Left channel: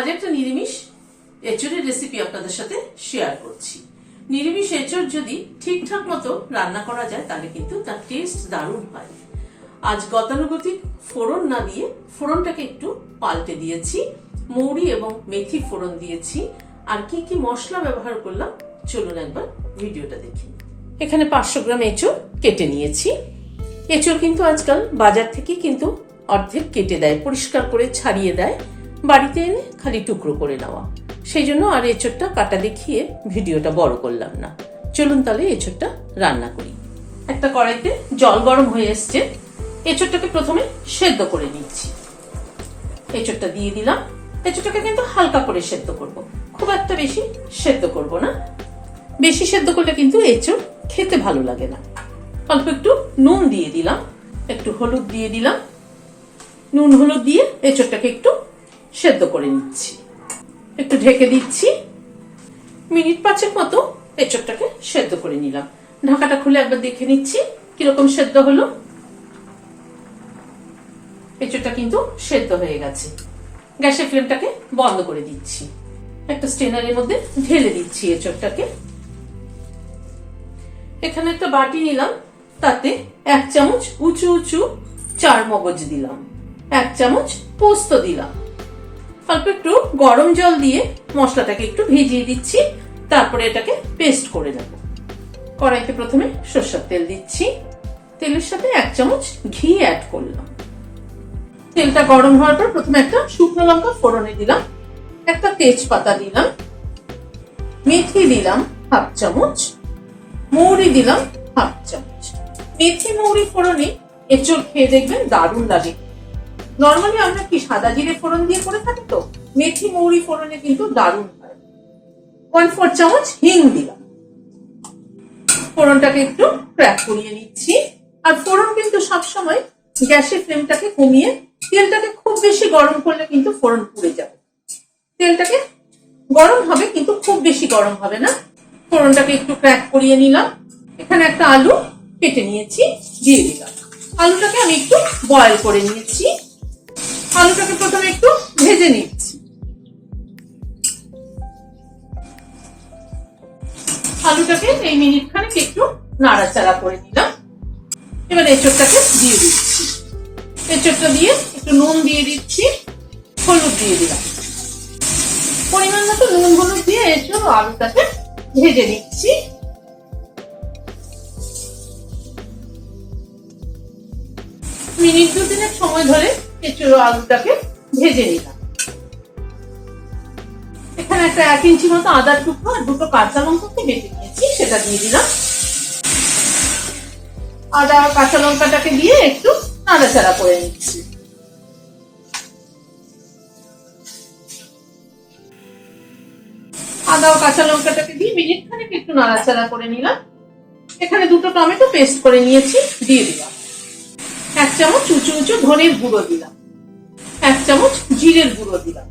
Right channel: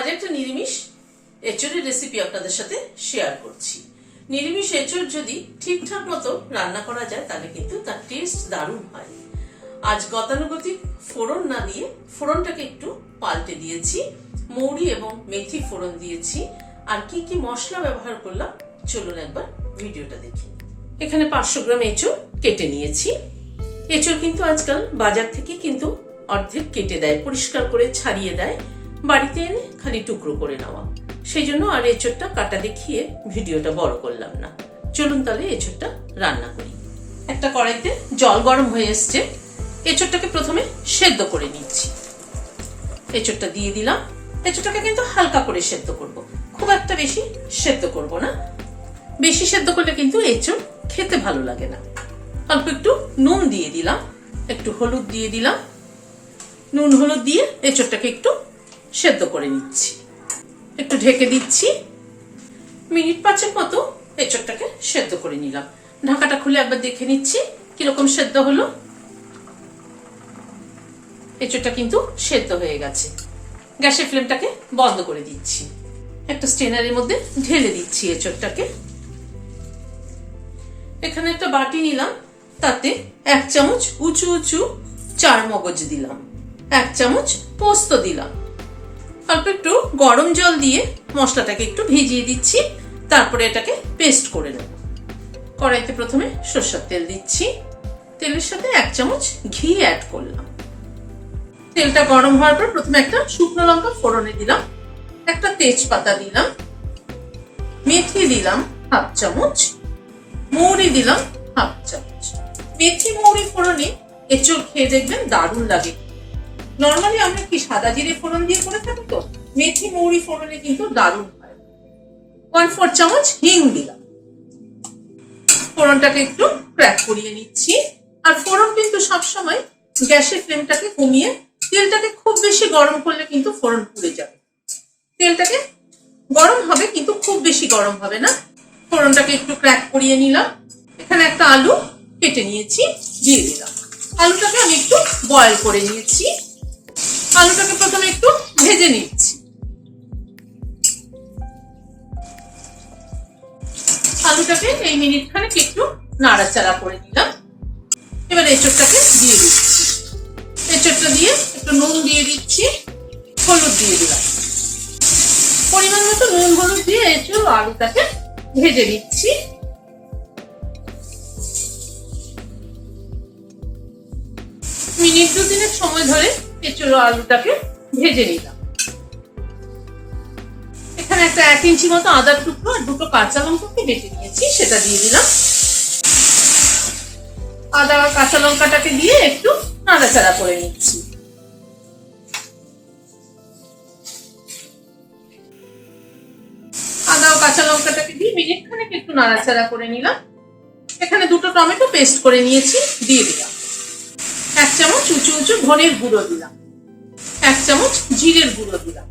আজ একটা নিরামিষ এঁচোড়ের রেসিপি আপনাদের সাথে শেয়ার করছি। নিরামিষ এঁচোড় যদি ঠিকঠাক মতো রান্না করা যায় তাহলে কিন্তু তার টেস্ট দারুণ হয়। আজ গতানুগতিক ফোড়ন না দিয়ে ফোড়নটাকে একটু পাল্টে দিয়েছি, মৌরি এবং মেথি ফোড়ন দিয়েছি। আর কি কি মশলা ব্যবহার করলাম চলুন একবার ভিডিওটা দেখি। এখানে 500 গ্রাম এঁচোড় কেটে নিয়েছি। এঁচোড় কিন্তু আজকাল বাজার থেকে কিন্তু অর্ধেক কেটে দেয়, পরিষ্কার করে ছাড়িয়ে দেয়, বাড়িতে এনে খালি টুকরো করে নেওয়া। সেই জন্য আর এঁচোড়টা কাটা দেখিয়ে ভিডিওটা বড় করলাম না। চলুন তাহলে এঁচোড়টা রান্না করি। একটা কড়াইতে জল গরম হয়ে এসছে, এঁচোড়টাকে প্রথমে সেদ্ধ করে নিচ্ছি। এঁচোড়টা দিয়ে দিলাম। এঁচোড়টাকে কিন্তু হালকা করে সেদ্ধ করব, খুব একটা বেশি সেদ্ধ করব না। বেশি সেদ্ধ করলে কিন্তু এঁচোড় খেতে ভালো লাগে না। অল্প একটু নুন দিয়ে দিলাম, একটু হলুদ দিয়ে দিলাম। নুন হলুদ দিয়ে এঁচোড়টাকে একটু সেদ্ধ করে নিচ্ছি। একটু ঢেকে দিচ্ছি। মিনিট 5 মতো এঁচোড়টাকে সেদ্ধ করে নিলাম। ঢাকাটা খুলে একবার দেখে নিচ্ছি কিরকম সেদ্ধ হলো। এঁচোড়টা কিন্তু সেদ্ধ হয়ে গেছে। গ্যাসের ফ্লেমটাকে বন্ধ করে দিচ্ছি। একটা স্ট্রেনারের মধ্যে ঢেলে দিচ্ছি এঁচোড়টাকে। এখানে একটা বাটি নিলাম, তাতে 1 চামচ উঁচু উঁচু চারমগজ দিলাম, 1 চামচ পোস্ত দিলাম। অল্প একটু গরম জল দিয়ে মশলাটাকে একটু ভিজিয়ে দিচ্ছি, তারপরে এটাকে পেস্ট করে নেব। কড়াইতে প্রথমে সরষের তেল দিচ্ছি। তেলের সাথে 1 চামচ ঘি অ্যাড করলাম। তেলটা গরম হওয়ার পর প্রথমে একটা শুকনো লঙ্কা ফোড়নে দিলাম, একটা তেজপাতা দিলাম, মেথি দিলাম 1/2 চামচ, মৌরি দিলাম 1/2 চামচ। মেথি মৌরি ফোড়নে এঁচোড় খেয়ে দেখবেন দারুণ লাগে। নর্মালি আমরা কি সাদা জিরে ফোড়ন দিয়ে করে থাকি, তো মেথি মৌরি ফোড়নে কিন্তু দারুণ হয়। 1/4 চামচ হিং দিলাম। ফোড়নটাকে একটু ক্র্যাক করিয়ে নিচ্ছি। আর ফোড়ন কিন্তু সবসময় গ্যাসের ফ্লেমটাকে কমিয়ে, তেলটাকে খুব বেশি গরম করলে কিন্তু ফোড়ন পুড়ে যাবে। তেলটাকে গরম হবে কিন্তু খুব বেশি গরম হবে না। ফোড়নটাকে একটু ক্র্যাক করিয়ে নিলাম। এখানে একটা আলু কেটে নিয়েছি, দিয়ে দিলাম। আলুটাকে আমি একটু বয়েল করে নিয়েছি। আলুটাকে প্রথমে একটু ভেজে নিচ্ছি। আলুটাকে এই মিনিট খানেক একটু নাড়াচাড়া করে নিলাম। এবার এঁচোড়টাকে দিয়ে দিচ্ছি। এঁচোড়টা দিয়ে একটু নুন দিয়ে দিচ্ছি, হলুদ দিয়ে দিলাম। পরিমাণ মতো নুন হলুদ দিয়ে এঁচোড় আলুটাকে ভেজে নিচ্ছি। মিনিট 2-3 সময় ধরে এঁচোড় আলুটাকে ভেজে নিলাম। এখানে একটা 1 ইঞ্চি মতো আদার টুকরো আর 2টো কাঁচা লঙ্কাকে বেটে নিয়েছি, সেটা দিয়ে দিলাম। আদা আর কাঁচা লঙ্কাটাকে দিয়ে একটু নাড়াচাড়া করে নিচ্ছি। আদা ও কাঁচা লঙ্কাটাকে দিয়ে মিনিট খানেক একটু নাড়াচাড়া করে নিলাম। এখানে 2টো টমেটো পেস্ট করে নিয়েছি, দিয়ে দিলাম। 1 চামচ উঁচু উঁচু ধনের গুঁড়ো দিলাম, 1 চামচ জিরের গুঁড়ো দিলাম,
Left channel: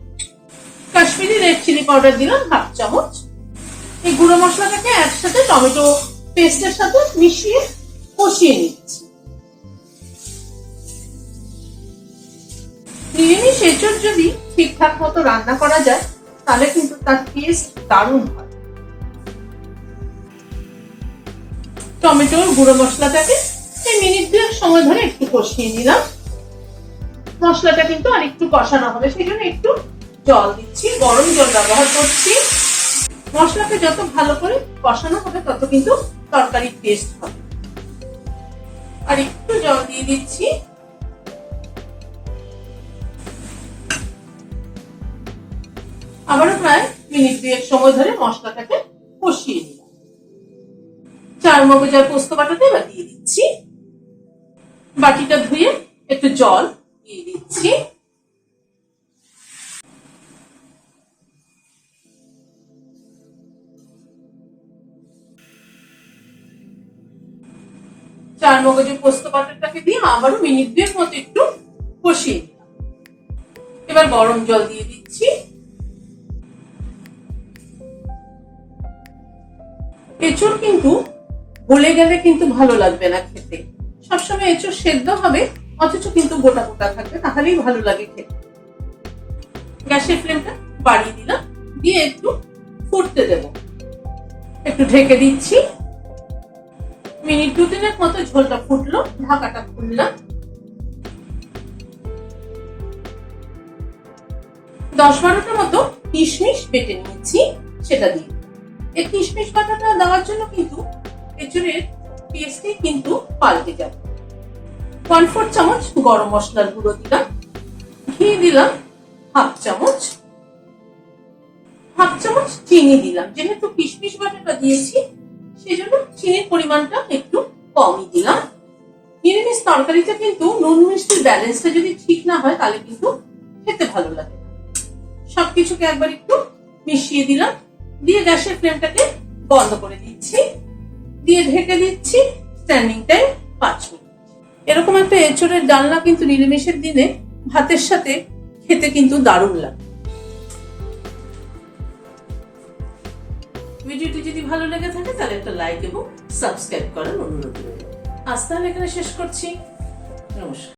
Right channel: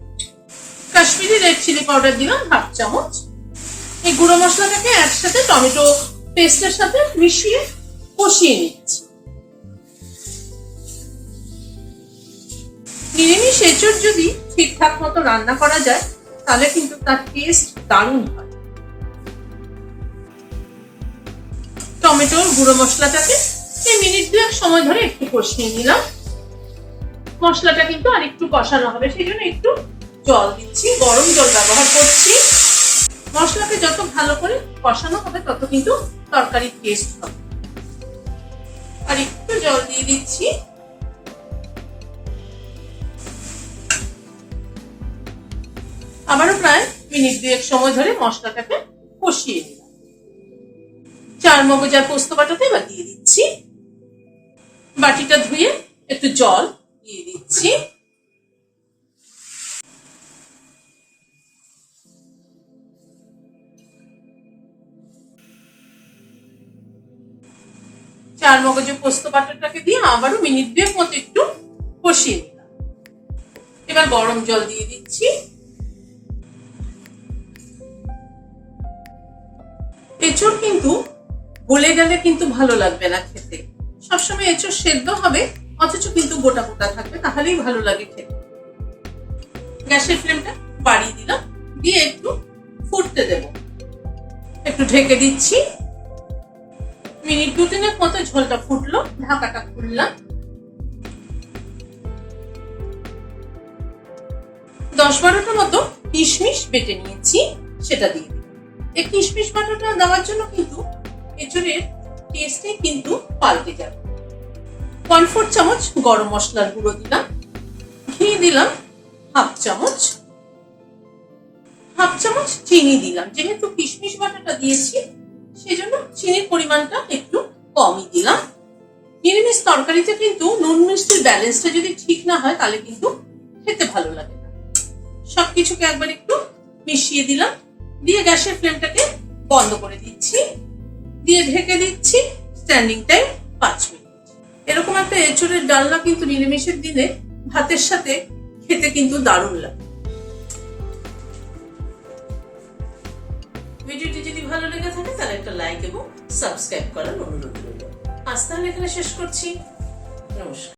কাশ্মীরি রেড চিলি পাউডার দিলাম 1/2 চামচ। এই গুঁড়ো মশলাটাকে একসাথে টমেটো পেস্টের সাথে মিশিয়ে কষিয়ে নিচ্ছি। নিরামিষ এঁচোড় যদি ঠিকঠাক মতো রান্না করা যায় তাহলে কিন্তু তার টেস্ট দারুণ হয়। টমেটোর গুঁড়ো মশলাটাকে এই মিনিট 2 সময় ধরে একটু কষিয়ে নিলাম। মশলাটা কিন্তু আর একটু কষানো হবে, সেই জন্য একটু জল দিচ্ছি, গরম জল ব্যবহার করছি। মশলাকে যত ভালো করে কষানো হবে তত কিন্তু তরকারির টেস্ট হবে। আর একটু জল দিয়ে দিচ্ছি। আবারও প্রায় মিনিট 2 সময় ধরে মশলাটাকে কষিয়ে নিলাম। চারমগজ আর পোস্ত বাটাতে এবার দিয়ে দিচ্ছি। বাটিটা ধুয়ে একটু জল দিয়ে দিচ্ছি। চারমগজ পোস্ত বাটাটাকে দিয়ে আবারও মিনিট 2 মতো একটু কষিয়ে নিলাম। এবার গরম জল দিয়ে দিচ্ছি। এঁচোড় কিন্তু গলে গেলে কিন্তু ভালো লাগবে না খেতে। সবসময় এঁচোড় সেদ্ধ হবে অথচ কিন্তু গোটা গোটা থাকবে, তাহলেই ভালো লাগে খেতে। গ্যাসের ফ্লেমটা বাড়িয়ে দিলাম, দিয়ে একটু ফুটতে দেব। একটু ঢেকে দিচ্ছি। মিনিট 2-3 মতো ঝোলটা ফুটলো, ঢাকাটা খুললাম। 10-12টা মতো কিশমিশ বেটে নিয়েছি, সেটা দিয়ে দিই। এই কিশমিশ বাটাটা দেওয়ার জন্য কিন্তু এঁচুড়ের টেস্টই কিন্তু পাল্টে যাবে। 1/4 চামচ গরম মশলার গুঁড়ো দিলাম, ঘি দিলাম 1/2 চামচ, 1/2 চামচ চিনি দিলাম। যেহেতু কিশমিশ বাটাটা দিয়েছি সেজন্য চিনির পরিমাণটা একটু কমই দিলাম। নিরামিষ তরকারিতে কিন্তু নুন মিষ্টির ব্যালেন্সটা যদি ঠিক না হয় তাহলে কিন্তু খেতে ভালো লাগে না। সবকিছুকে একবার একটু মিশিয়ে দিলাম, দিয়ে গ্যাসের ফ্লেমটাকে বন্ধ করে দিচ্ছি, দিয়ে ঢেকে দিচ্ছি স্ট্যান্ডিং টাইম 5 মিনিট। এরকম একটা এঁচোড়ের ডালনা কিন্তু নিরামিষের দিনে ভাতের সাথে খেতে কিন্তু দারুণ লাগে। ভিডিওটি যদি ভালো লেগে থাকে তাহলে একটা লাইক এবং সাবস্ক্রাইব করার অনুরোধ রইল। আজ তাহলে এখানে শেষ করছি। নমস্কার।